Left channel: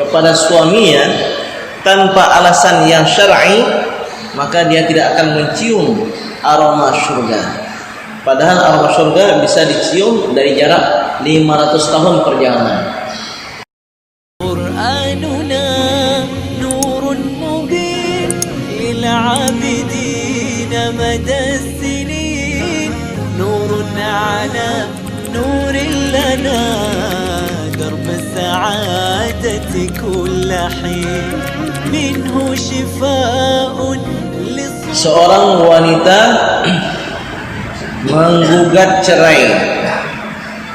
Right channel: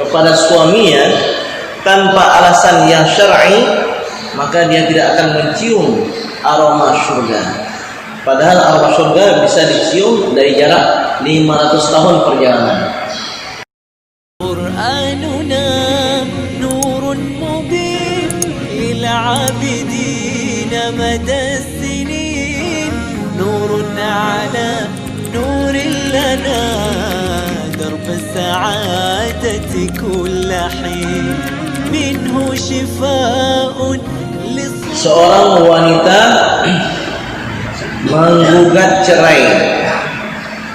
kepada suaminya tanpa alasan yang syar'i, maka dia tidak akan mencium aroma surga. Padahal aroma surga bisa dicium dari jarak 500 tahun perjalanan. Qur'anuna nurun mubin lil 'abidin madad sinin, nurun 'ala nurin lana درب السعادة كل حين منه شفاء. Seorang wanita menggugat cerai,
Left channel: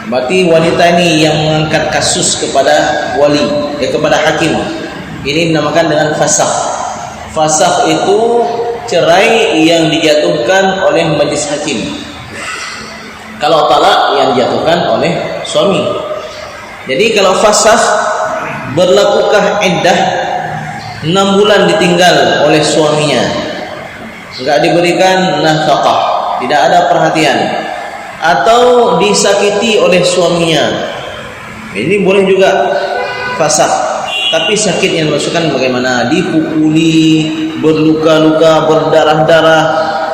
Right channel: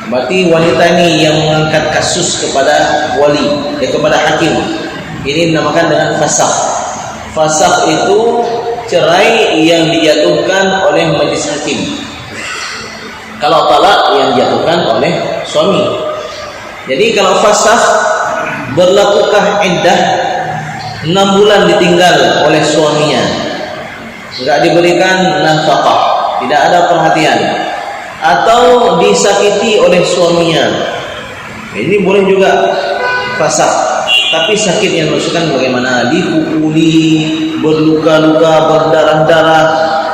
berarti wanita ini yang mengangkat kasus kepada wali, kepada hakim. Ini dinamakan dengan fasakh. Fasakh itu cerai yang dijatuhkan oleh majelis hakim. Kalau talak yang dijatuhkan oleh suami. Jadi kalau fasakh, berlakukah iddah 6 bulan ditinggal oleh suaminya, enggak diberikan nafkah, tidak ada perhatian, atau disakiti oleh suaminya, ini boleh juga fasakh. Tapi sakitnya maksudkan bagaimana? Dipukuli, berluka-luka, berdarah-darah,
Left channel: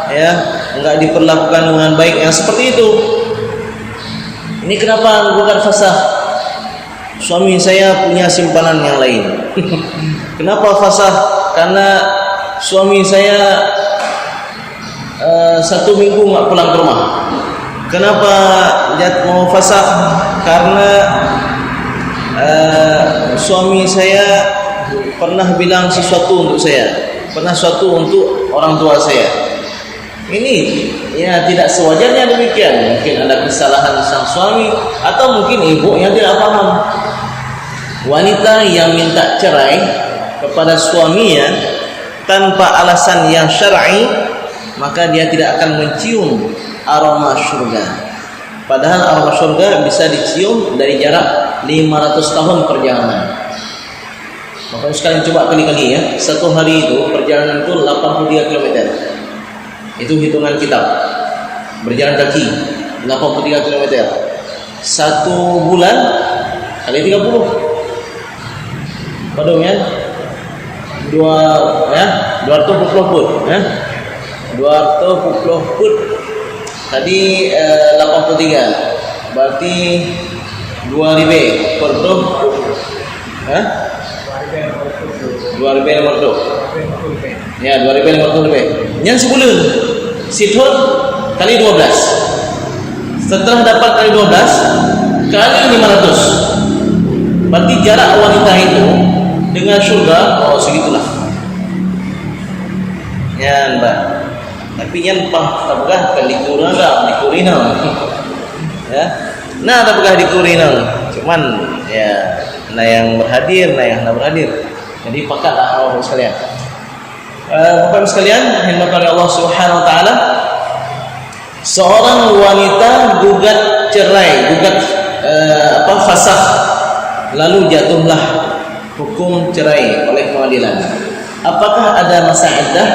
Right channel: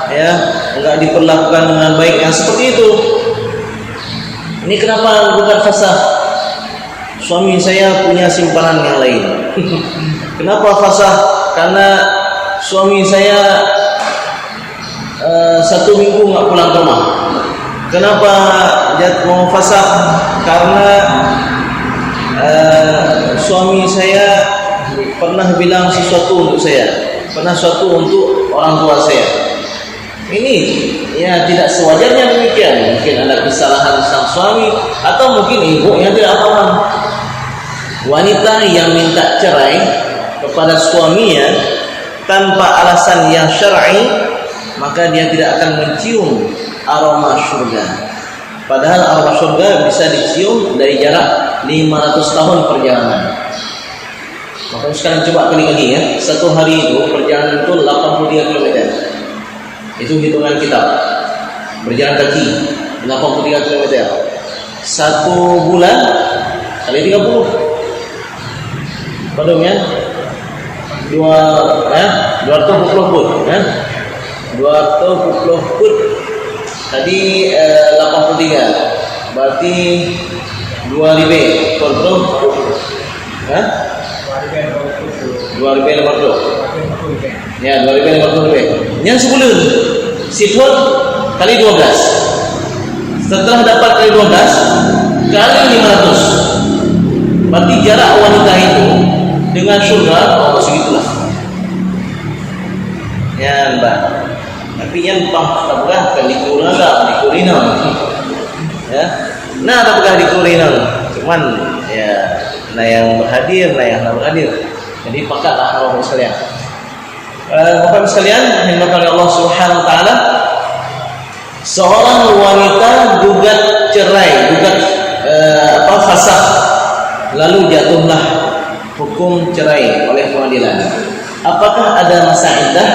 ya, enggak diperlakukan dengan baik, yang seperti itu. Ini kenapa bukan fasakh? Suami saya punya simpanan yang lain. Kenapa fasakh? Karena suami saya 1 minggu nggak pulang ke rumah. Kenapa dia mau fasakh? Karena suami saya pernah bilang sesuatu untuk saya, pernah sesuatu untuk orang tua saya. Ini ya tidak sewajarnya demikian. Mungkin ada kesalahan sang suami, atau mungkin ibu yang tidak paham. Wanita yang minta cerai kepada suaminya tanpa alasan yang syar'i, maka dia tidak akan mencium aroma surga. Padahal aroma surga bisa dicium dari jarak 500 tahun perjalanan. Maka sekarang coba kali-kali ya, 1 hari itu perjalanan itu 83 km. Itu hitungan kitab. Berjalan kaki 83 km. 1 bulan kali 30. Padahal ya, 240 foot ya. 240 foot. Tadi 83. Berarti 2 lebih. Kontrol. Hah? 2,50. Ya, 2,50 lebih. Yang sebulan situr kali 12. Setelah dapat kali 12 kali 500. Berarti jarak wanita itu dengan surga segitulah. Ya, Mbak. Tapi yang tabgah kali kurina, ya. Nah, tabgah di kurina. Cuman ya, nah yang berhadir, nah yang tidak berhadir. Jadi pakatlah Allah sekalian. Bapak sekalian, yang dimuliakan Allah Subhanahu wa taala, seorang wanita gugat cerai, gugat fasakh, lalu jatuhlah hukum cerai oleh pengadilan. Apakah ada masa iddah?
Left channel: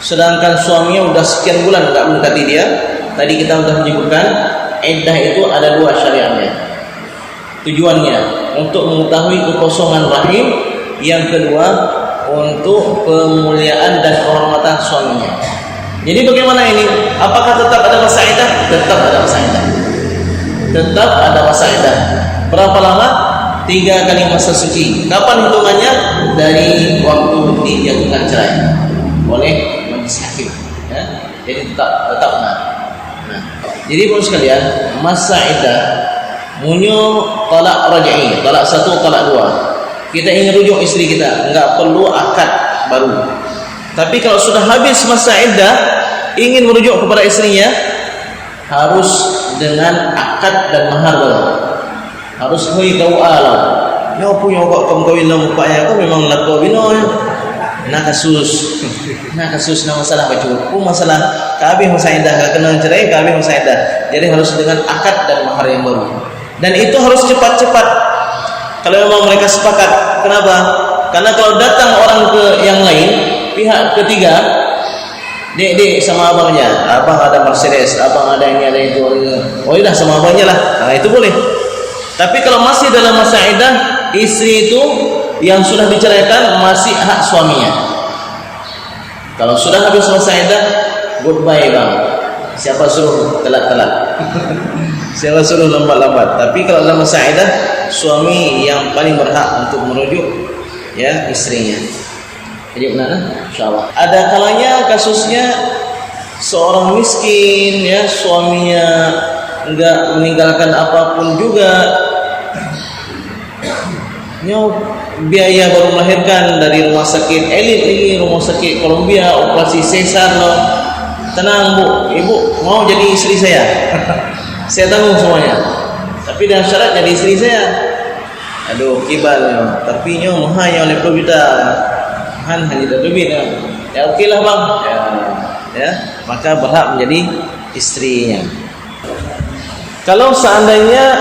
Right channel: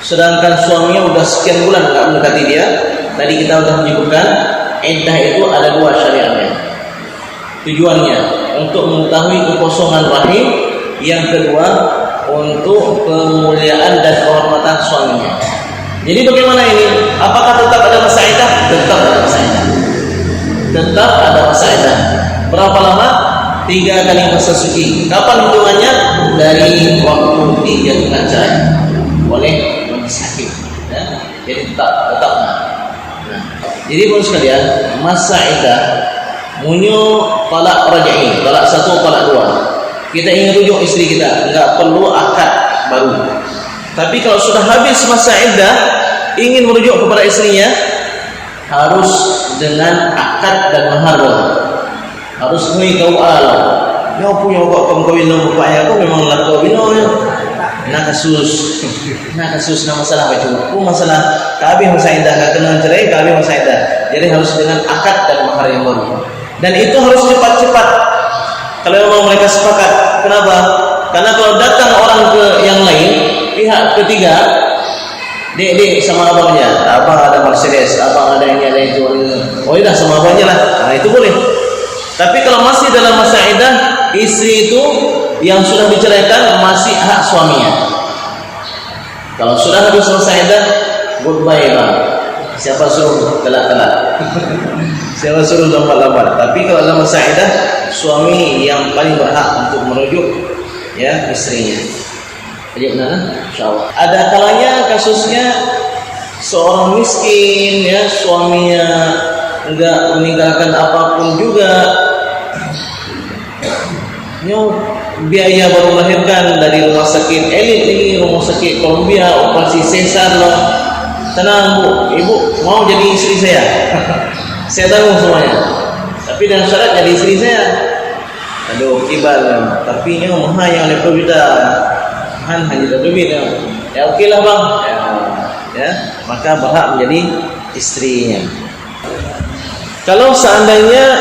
Sedangkan suaminya sudah sekian bulan tidak mendekati dia. Tadi kita sudah menyebutkan iddah itu ada 2 syariatnya. Tujuannya untuk mengetahui kekosongan rahim, yang kedua untuk pemuliaan dan kehormatan suaminya. Jadi bagaimana ini? Apakah tetap ada masa iddah? Tetap ada masa iddah. Tetap ada masa iddah. Berapa lama? 3 kali masa suci. Kapan hitungannya? Dari waktu dijatuhkan cerai oleh majelis hakim. Ya? Jadi tetap. Nah. Jadi bos sekalian, masa iddah munyo talak raj'i, talak 1, talak 2. Kita ingin rujuk istri kita, enggak perlu akad baru. Tapi kalau sudah habis masa iddah, ingin merujuk kepada istrinya, harus dengan akad dan mahar baru. Harus hui kau ala. Yo punya kok kawin nang bapaknya aku memang nak kawin nah kasus na masalah kecukup masalah kami masa iddah enggak kenal cerai, kami masa iddah. Jadi harus dengan akad dan mahar yang baru. Dan itu harus cepat-cepat. Kalau memang mereka sepakat. Kenapa? Karena kalau datang orang ke yang lain, pihak ketiga, dek sama abangnya, abang ada Mercedes, abang ada ini, ada itu, oh iya sama abangnya lah. Nah itu boleh. Tapi kalau masih dalam masa iddah, istri itu yang sudah diceraikan masih hak suaminya. Kalau sudah habis selesai iddah, goodbye bang. Siapa suruh telat-telat? Siapa suruh lambat-lambat? Tapi kalau dalam masa iddah, suami yang paling berhak untuk merujuk ya istrinya. Jadi benar, insyaallah. Ada kalanya kasusnya seorang miskin ya, suaminya enggak meninggalkan apapun juga. Biaya baru melahirkan dari rumah sakit elit lagi, rumah sakit Columbia, operasi sesar loh. Tenang bu, ibu mau jadi istri saya. Saya tanggung semuanya. Tapi dengan syarat jadi istri saya. Aduh kibalnya. Tapi nyo mahal yang 50 juta. Kan hanya 20 juta. Ya oke lah bang. Ya, maka berhak menjadi istrinya. Kalau seandainya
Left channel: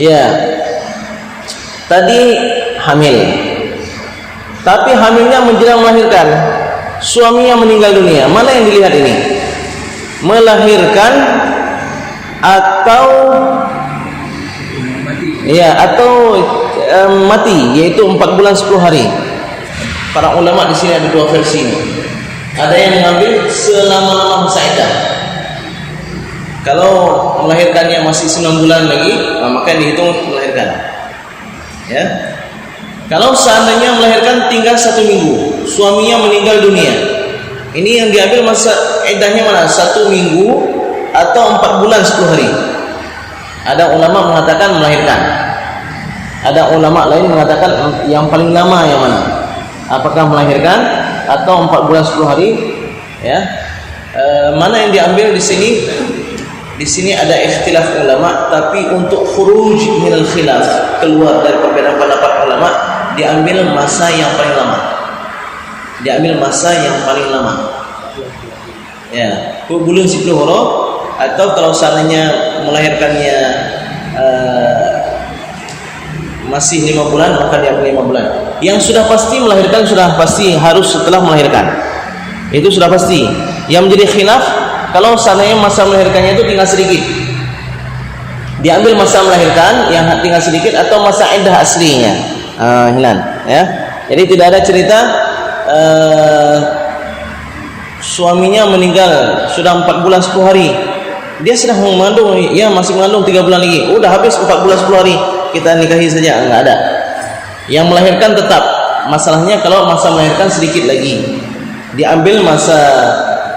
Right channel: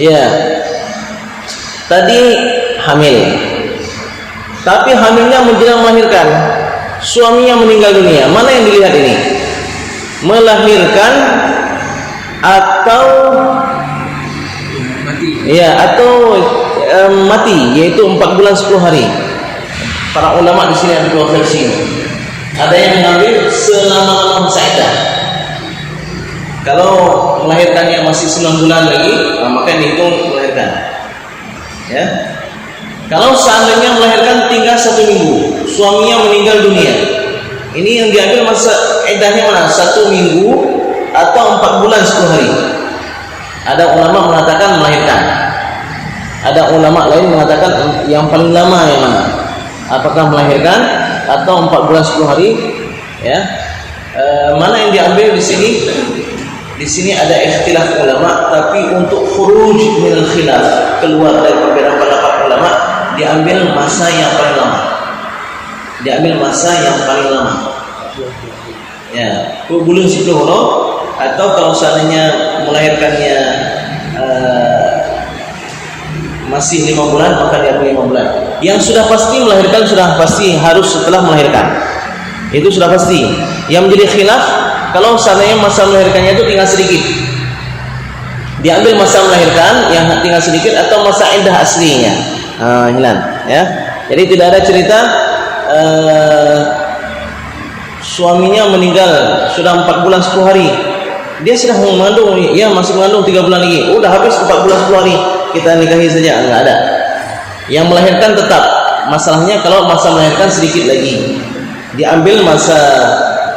ya tadi hamil, tapi hamilnya menjelang melahirkan, suaminya meninggal dunia, mana yang dilihat ini? Melahirkan atau mati, yaitu 4 bulan 10 hari. Para ulama di sini ada dua versi. Ada yang mengambil selama masa iddah. Kalau melahirkannya masih 9 bulan lagi, maka dihitung melahirkan. Ya. Kalau seandainya melahirkan tinggal 1 minggu, suaminya meninggal dunia, ini yang diambil masa iddahnya mana? 1 minggu atau 4 bulan 10 hari. Ada ulama mengatakan melahirkan. Ada ulama lain mengatakan yang paling lama yang mana? Apakah melahirkan atau 4 bulan 10 hari? Ya. Mana yang diambil di sini? Di sini ada ikhtilaf ulama, tapi untuk khuruj minal khilaf, keluar dari perbedaan pendapat ulama, diambil masa yang paling lama. Diambil masa yang paling lama. Ya, bulan 10 huruf, atau kalau seandainya melahirkannya masih 5 bulan, maka diambil 5 bulan. Yang sudah pasti melahirkan sudah pasti harus setelah melahirkan. Itu sudah pasti. Yang menjadi khilaf kalau seandainya masa melahirkannya itu tinggal sedikit, diambil masa melahirkan yang tinggal sedikit atau masa iddah aslinya. Hilang, ya. Jadi tidak ada cerita suaminya meninggal sudah 4 bulan 10 hari. Dia sedang mengandung, ya masih mengandung 3 bulan lagi. Udah habis 4 bulan 10 hari, kita nikahi saja. Enggak ada. Yang melahirkan tetap. Masalahnya kalau masa melahirkan sedikit lagi, diambil masa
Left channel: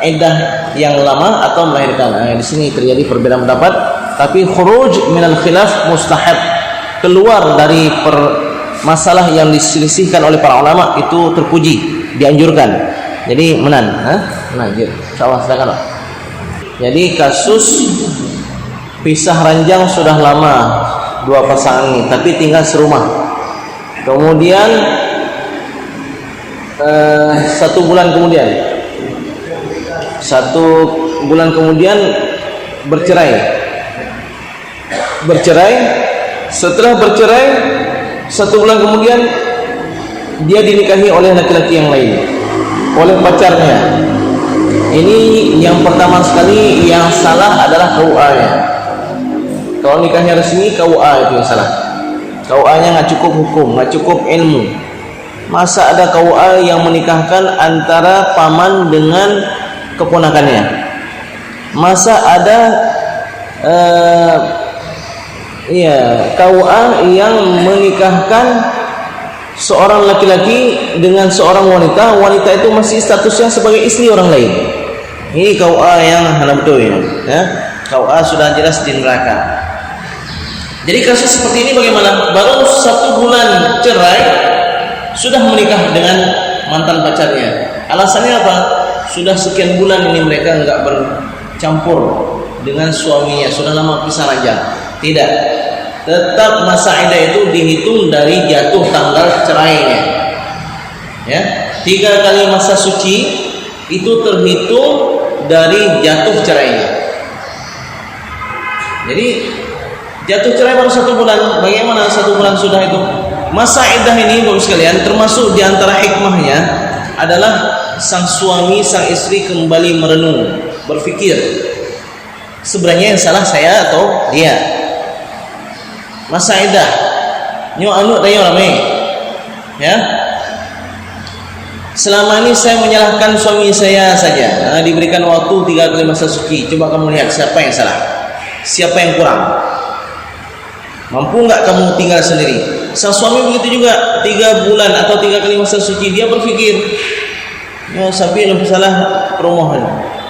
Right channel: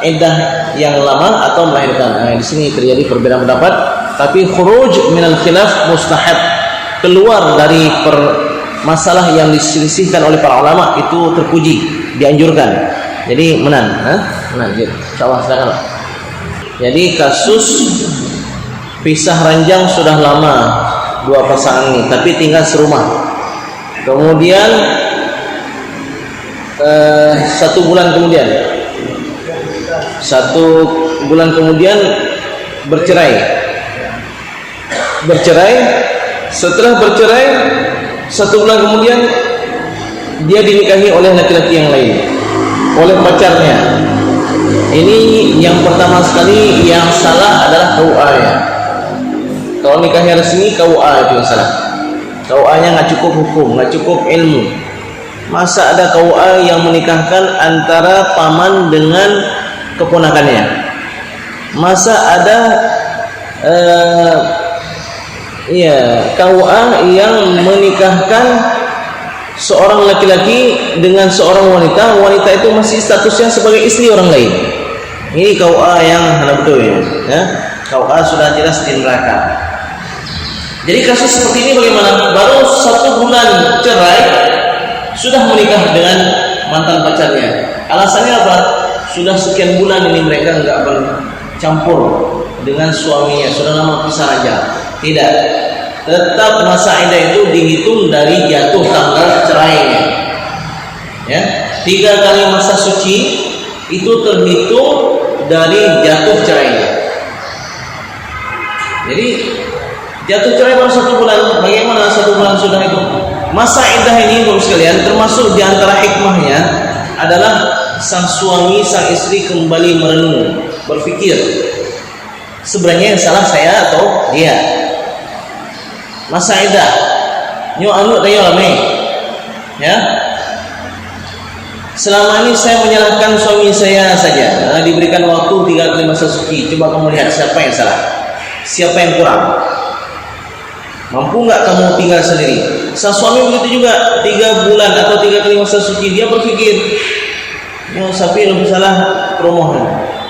iddah yang lama atau melahirkan. Nah, di sini terjadi perbedaan pendapat, tapi khuruj minal khilaf mustahab, keluar dari masalah yang diselisihkan oleh para ulama itu terpuji, dianjurkan. Jadi menang, gitu. Insyaallah silakanlah. Jadi kasus pisah ranjang sudah lama dua pasangan ini, tapi tinggal serumah. Kemudian 1 bulan kemudian bercerai. Setelah bercerai 1 bulan kemudian dia dinikahi oleh laki-laki yang lain, oleh pacarnya. Ini yang pertama sekali yang salah adalah KUA-nya. Kalau nikahnya resmi, KUA itu yang salah. KUA-nya nggak cukup hukum, nggak cukup ilmu. Masa ada KUA yang menikahkan antara paman dengan keponakannya? Masa ada KUA yang menikahkan seorang laki-laki dengan seorang wanita, wanita itu masih statusnya sebagai istri orang lain? Ini KUA yang betul ini, ya. KUA sudah jelas di neraka. Jadi kasus seperti ini bagaimana? Baru 1 bulan cerai sudah menikah dengan mantan pacarnya. Alasannya apa? Sudah sekian bulan ini mereka enggak bercampur dengan suaminya, sudah lama pisah aja. Tidak. Tetap masa iddah itu dihitung dari jatuh tanggal cerainya. Ya, 3 kali masa suci itu terhitung dari jatuh cerainya. Jadi jatuh cerai baru 1 bulan. Bagaimana 1 bulan sudah itu? Masa iddah ini menurut sekalian termasuk di antara hikmahnya adalah sang suami, sang istri kembali merenung, berpikir sebenarnya yang salah saya atau dia. Masa iddah nyo anu tayo lame. Ya. Selama ini saya menyalahkan suami saya saja. Nah, diberikan waktu 3 kali masa suci. Coba kamu lihat siapa yang salah, siapa yang kurang. Mampu nggak kamu tinggal sendiri? Sang suami begitu juga, 3 bulan atau 3 kali masa suci dia berpikir, ya sapi lebih salah promoh.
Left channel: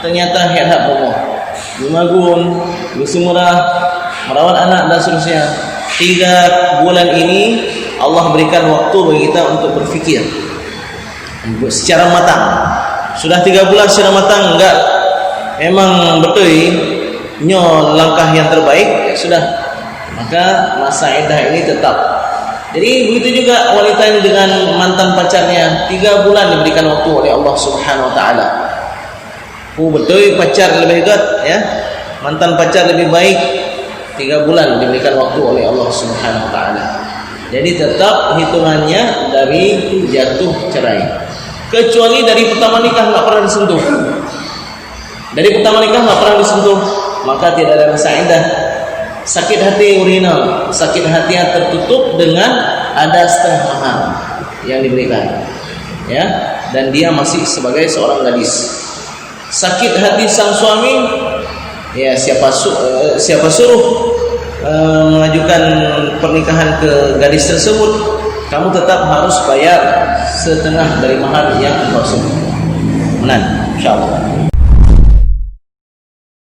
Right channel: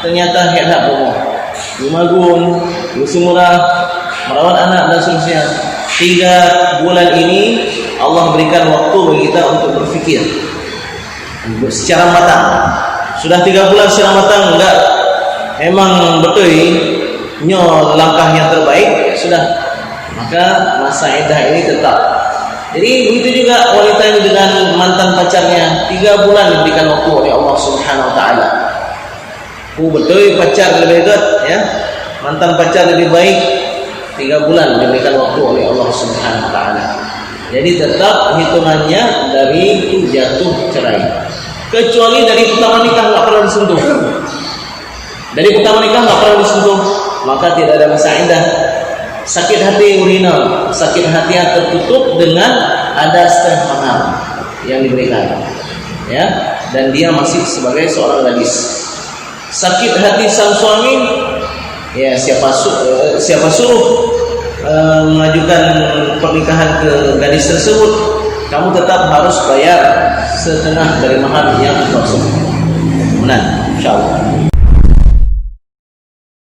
Ternyata hebat promoh. Lumagun, Lusumurah, merawat anak dan seterusnya. 3 bulan ini Allah berikan waktu bagi kita untuk berpikir secara matang. Sudah 3 bulan secara matang enggak, emang betul nyo langkah yang terbaik, ya sudah, maka masa iddah ini tetap. Jadi begitu juga wanita ini dengan mantan pacarnya, 3 bulan diberikan waktu oleh Allah Subhanahu Wa Taala. Betul pacar lebih dekat, ya, mantan pacar lebih baik, 3 bulan diberikan waktu oleh Allah Subhanahu Wa Taala. Jadi tetap hitungannya dari itu jatuh cerai. Kecuali dari pertama nikah nggak pernah disentuh. Dari pertama nikah nggak pernah disentuh, maka tidak ada masa iddah. Sakit hati urinal, sakit hati yang tertutup dengan ada setengah mahar yang diberikan, ya, dan dia masih sebagai seorang gadis. Sakit hati sang suami, ya siapa suruh mengajukan pernikahan ke gadis tersebut, kamu tetap harus bayar setengah dari mahar yang dimaksud. Nah, insyaallah.